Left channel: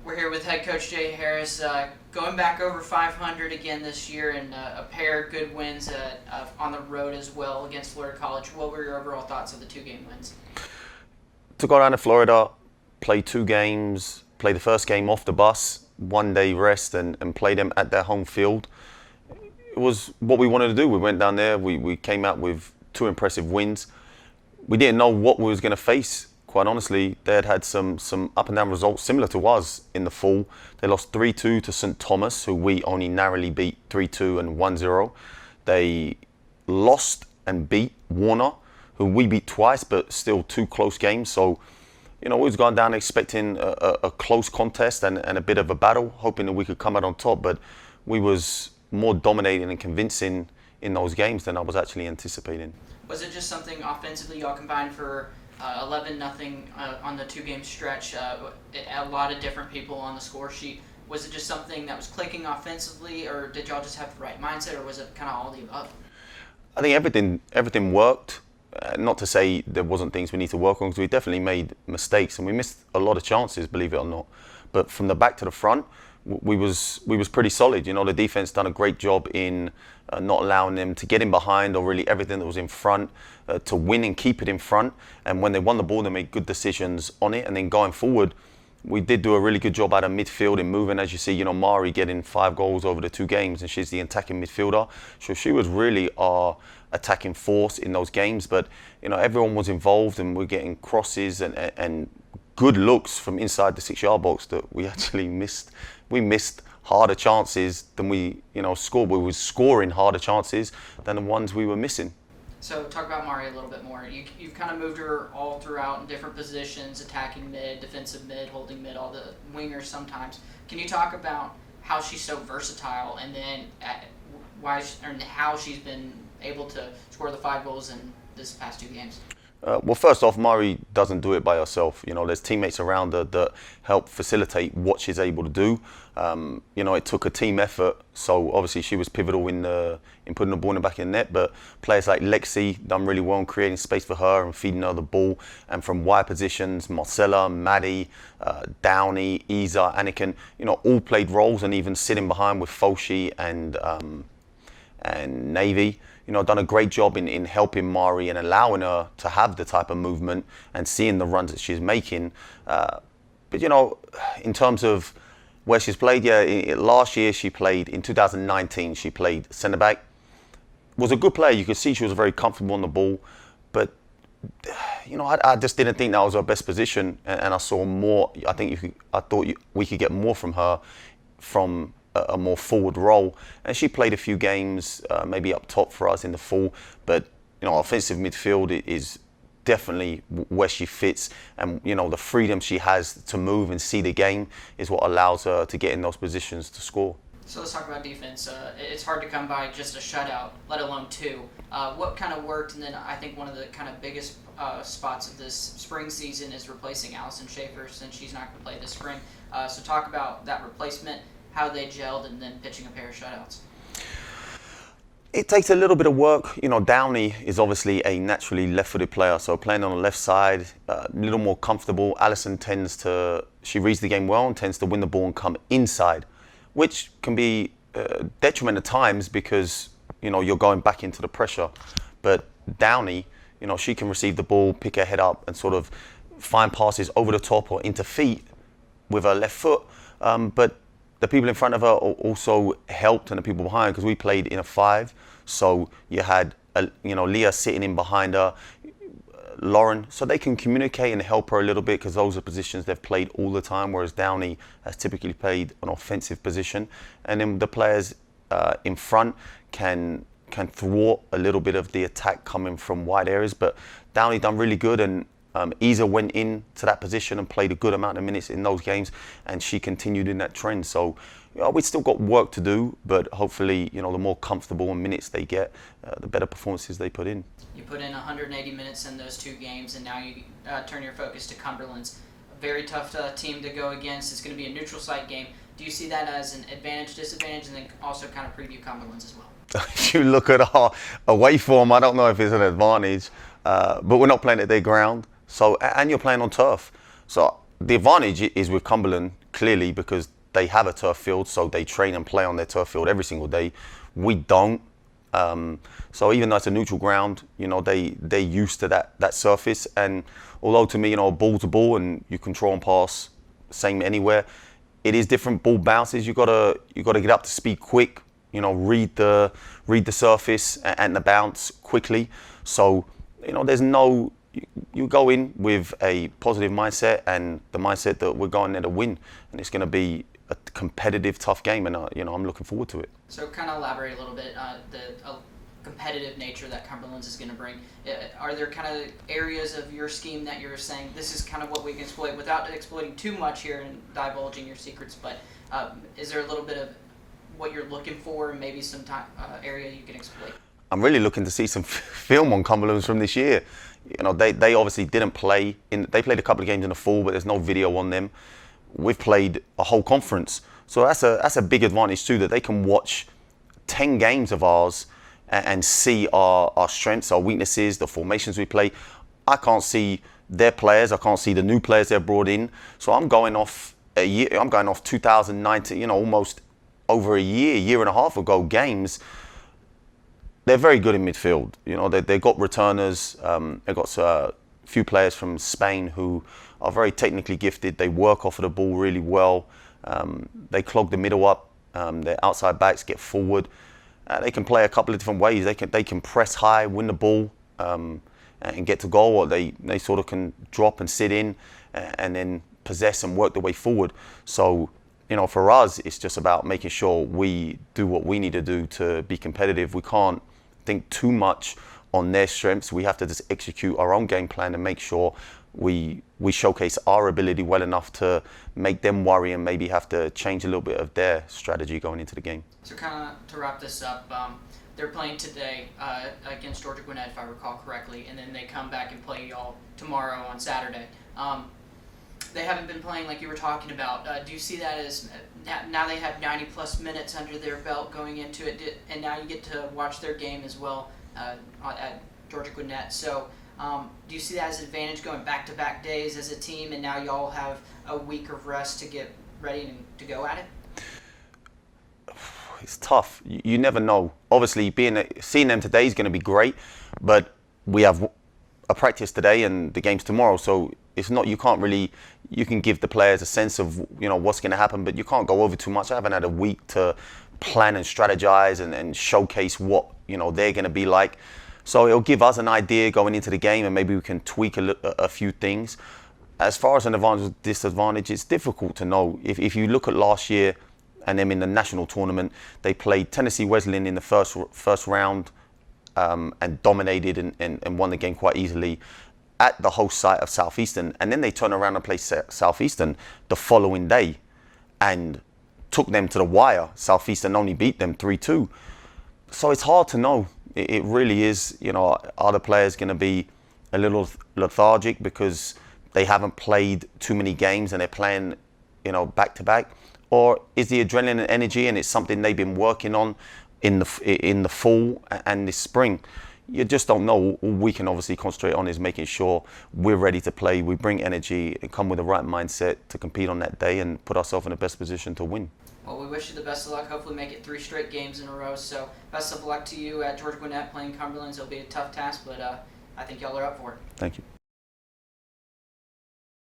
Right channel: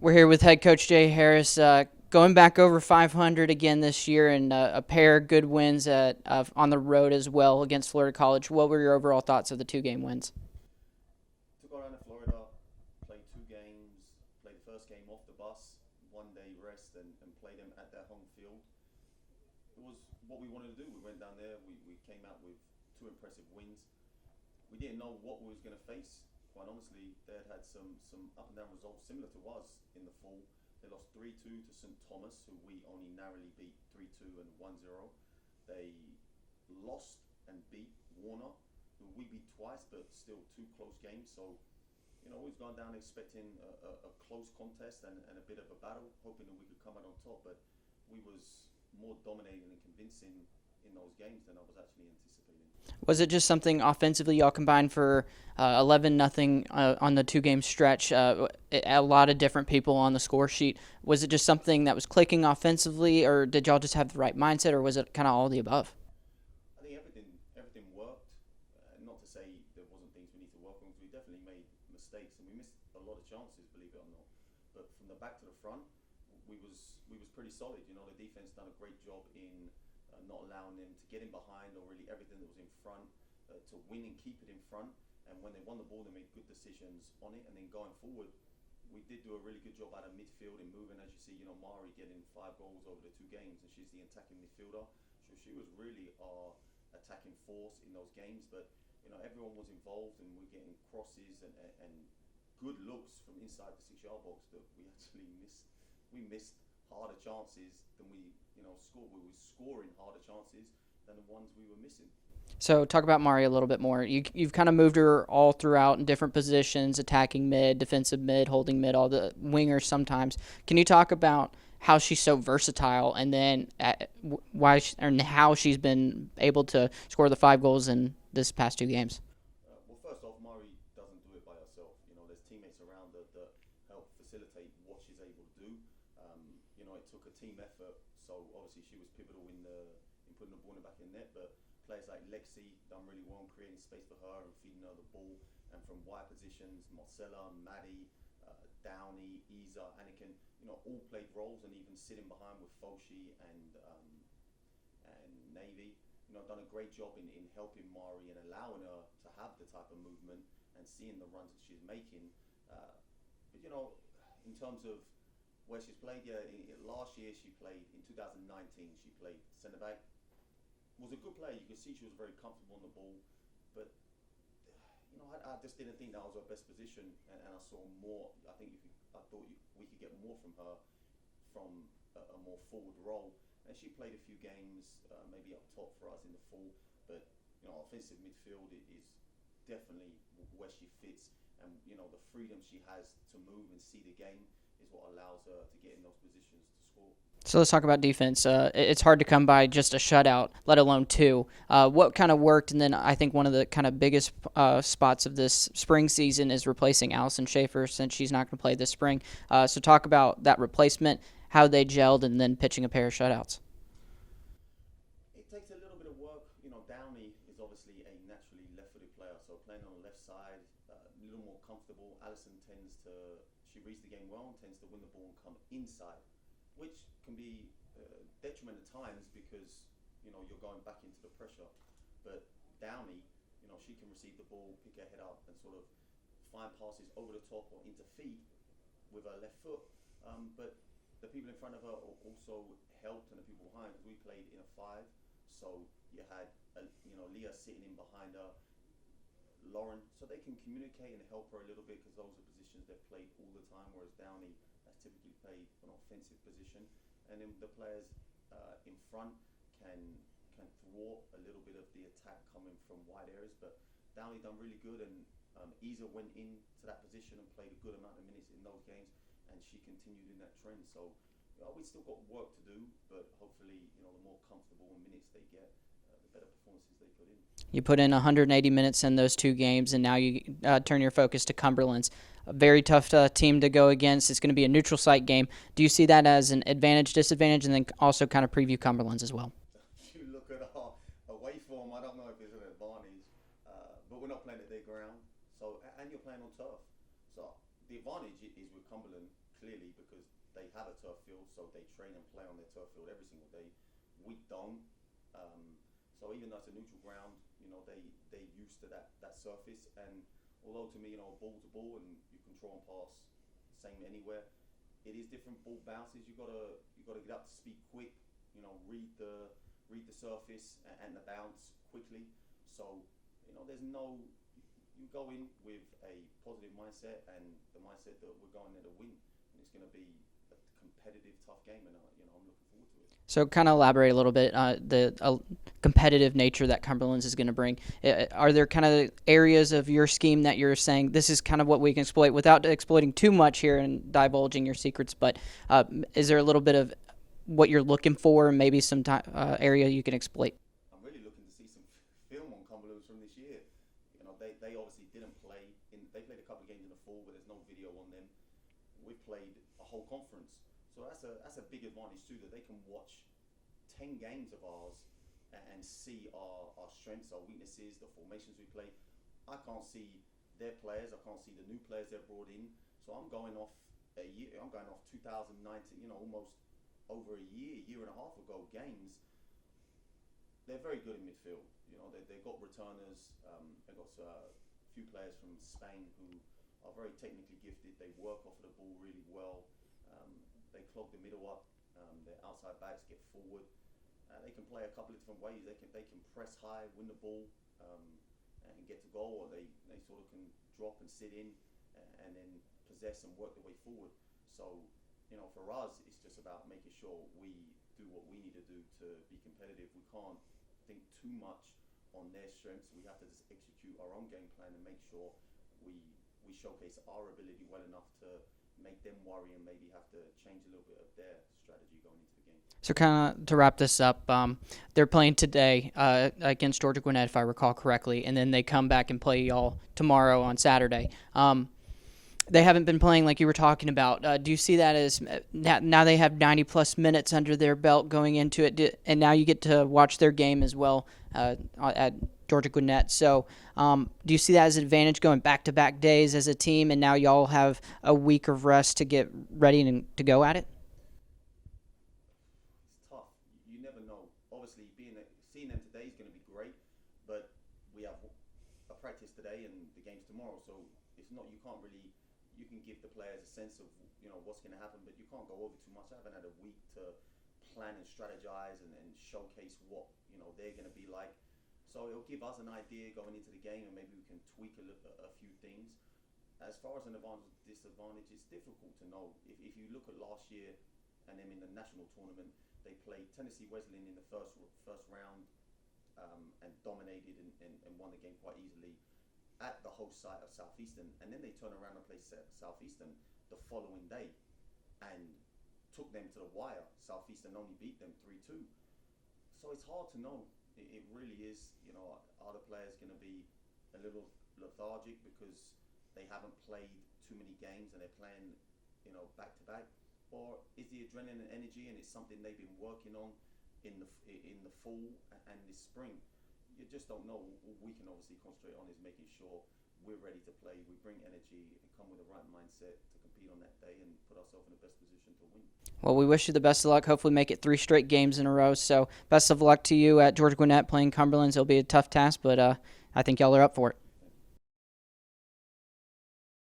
We're here with head coach Jay Harris, going back over 500 again this year, and a pair of good wins on the road as well against Florida College. What were your overall thoughts of the two-game wins? To go down to Florida, play 2 games, play the first game off the bus, 1 day rest, and play them at their home field. It was what we wanted to do. We went down there, we came out with 2 impressive wins. We didn't know what we was going to face. Quite honestly, they had some up and down results similar to us in the fall. They lost 3-2 to St. Thomas, who we only narrowly beat 3-2 and 1-0. They lost and beat Warner, who we beat twice, but still 2 close games. So, we was going down expecting a close contest and a bit of a battle, hoping that we could come out on top. But we was more dominating and convincing in those games than I was actually anticipating. Was it just something offensively y'all combined for 11-0 on the two-game stretch? A lot of different people on the score sheet. Was it just something that was clicking offensively, or did y'all just have the right mindset, or was it kind of all the above? I think everything worked. Not to say there wasn't things we need to work on, because we definitely made mistakes and we missed a lot of chances, believe it or not. But from the back to the front, we was pretty solid. The defense done a great job in not allowing them to get in behind, or really everything that was in front, to win and keep it in front. And when they won the ball, they made good decisions on it. And then going forward, we did do a really good job out of midfield and moving. As you see, Mari getting 5 goals over the 2 games, and she's the attacking midfielder. So she was really our attacking force in those games. But everyone was involved, and we're getting crosses and good looks from inside the 6-yard box that we actually missed. We missed harder chances than we scored. We were scoring harder chances than the ones we were missing. So talk about Mari a little bit more. You've kind of moved her all throughout in different positions, attacking mid, defensive mid, holding mid, all the wingers sometimes. Can you talk about how she's so versatile, and then how she's been able to score the 5 goals in this past 2 games? Well, first off, Mari doesn't do it by herself. There's teammates around her that help facilitate what she's able to do. It took a team effort, so obviously she was pivotal in putting the ball in the back of the net. But players like Lexi done really well in creating space for her and feeding her the ball. And from wide positions, Marcella, Maddie, Downey, Isa, Anakin, all played roles, and even sitting behind with Foshi and Navy. Done a great job in helping Mari and allowing her to have the type of movement and seeing the runs that she's making. But in terms of where she's played, last year she played, in 2019, she played centre back. Was a good player. You could see she was very comfortable on the ball. But, I just didn't think that was her best position. And I saw more. I thought we could get more from her from a more forward role, and she played a few games maybe up top for us in the fall. But offensive midfield is definitely where she fits, and the freedom she has to move and see the game is what allows her to get in those positions to score. So let's talk about defense. It's hard to come by just a shutout, let alone 2. What kind of worked? And then I think one of the kind of biggest spots of this spring season is replacing Allison Schaefer, since she's not going to play this spring. So talk about that replacement, how they gelled, and then pitching a pair of shutouts. It takes a little bit of work. Downey is obviously a naturally left-footed player, so playing on the left side, a little more comfortable. Allison she reads the game well and tends to win the ball and come inside, which can be detriment at times because, you're going back into the pressure. But Downey, she can receive the ball, pick her head up, and sort of find passes over the top or into feet with her left foot. But the people in front of her also helped, and the people behind, because we played in a 5. So you had, Leah sitting in behind her, Lauren, so they can communicate and help her a little bit, because those are positions they've played all the time, whereas Downey has typically played an offensive position. And then the players in front can thwart a little bit of the attack coming from wide areas. But Downey done really good, and Isa went into that position and played a good amount of minutes in those games, and she continued in that trend. So we've still got work to do, but hopefully, the more comfortable minutes they get, the better performances they put in. You put in 180 minutes in those 2 games, and now you turn your focus to Cumberlands. A very tough team to go against. It's going to be a neutral site game. Do you see that as an advantage, disadvantage, and then also kind of preview Cumberlands as well? If you look at our away form, I don't know if it's an advantage, but we're not playing at their ground. So, and you're playing on turf. So the advantage is with Cumberland, clearly, because they have a turf field, so they train and play on their turf field every single day. We don't. So even though it's a neutral ground, they're used to that surface. And although to me, ball to ball and you control and pass, same anywhere, it is different. Ball bounces. You gotta get up to speed quick. Read the surface and the bounce quickly. So there's no. You go in with a positive mindset and the mindset that we're going there to win, and it's going to be a competitive, tough game, and I'm looking forward to it. So kind of elaborate a little bit the competitive nature that Cumberlands is going to bring. Are there kind of areas of your scheme that you're saying this is kind of what we can exploit without exploiting too much here and divulging your secrets? But is there a little bit of what you're looking for, and maybe some area you can exploit? I'm really looking to see some film on Cumberlands from this year. They obviously didn't play they played a couple of games in the fall, but there's no video on them. We've played a whole conference, so that's a big advantage too, that they can watch 10 games of ours and see our strengths, our weaknesses, the formations we play. I can't see their players, I can't see the new players they've brought in. So I'm going off 2019, almost over a year and a half ago games. They're very good in midfield. They've got returners. They've got a few players from Spain who are very technically gifted. They work off of the ball really well. They clog the middle up. Their outside backs get forward. They can play a couple of different ways. They can press high, win the ball, and get to goal, or they sort of can drop and sit in and then possess and work their way forward. So, for us, it's just about making sure we do what we need to do to be competitive. We can't think too much on their strengths. We have to just execute our own game plan and make sure we showcase our ability well enough to make them worry and maybe have to change a little bit of their strategy going into the game. So kind of to wrap this up, they're playing today against Georgia Gwinnett, if I recall correctly, and then they come back and play y'all tomorrow on Saturday. They haven't been playing like you were talking about. Do you see that as now they have 90-plus minutes under their belt going into it, and now you get to watch their game as well at Georgia Gwinnett. So do you see that as an advantage going back-to-back days as a team, and now y'all have a week of rest to get ready to go at it? It's tough. You never know. Obviously, seeing them today is going to be great, but we have a practice today and the game's tomorrow, so it's not. You can give the players a sense of what's going to happen, but you can't go over too much. I haven't had a week to plan and strategize and showcase what they're going to be like. So it'll give us an idea going into the game, and maybe we can tweak a few things. As far as an advantage, disadvantage, it's difficult to know. If you look at last year and them in the national tournament, they played Tennessee Wesleyan in the first round and dominated and won the game quite easily at the host site of Southeastern, and then they turn around and play Southeastern the following day and took them to the wire. Southeastern only beat them 3-2. So it's hard to know. It really is. Are the players going to be a little lethargic because they haven't played too many games and they're playing back to back, or is the adrenaline and energy and it's something they've been working on in the fall and this spring? You just don't know. All we can obviously concentrate on is making sure we're ready to play, we bring energy and come with the right mindset to compete on that day and put ourselves in the best position to win. Well, we wish you the best of luck. Hopefully make it 3 straight games in a row. So best of luck to you at Georgia Gwinnett playing Cumberlands. It'll be a tough task, but I think y'all are up for it. Thank you.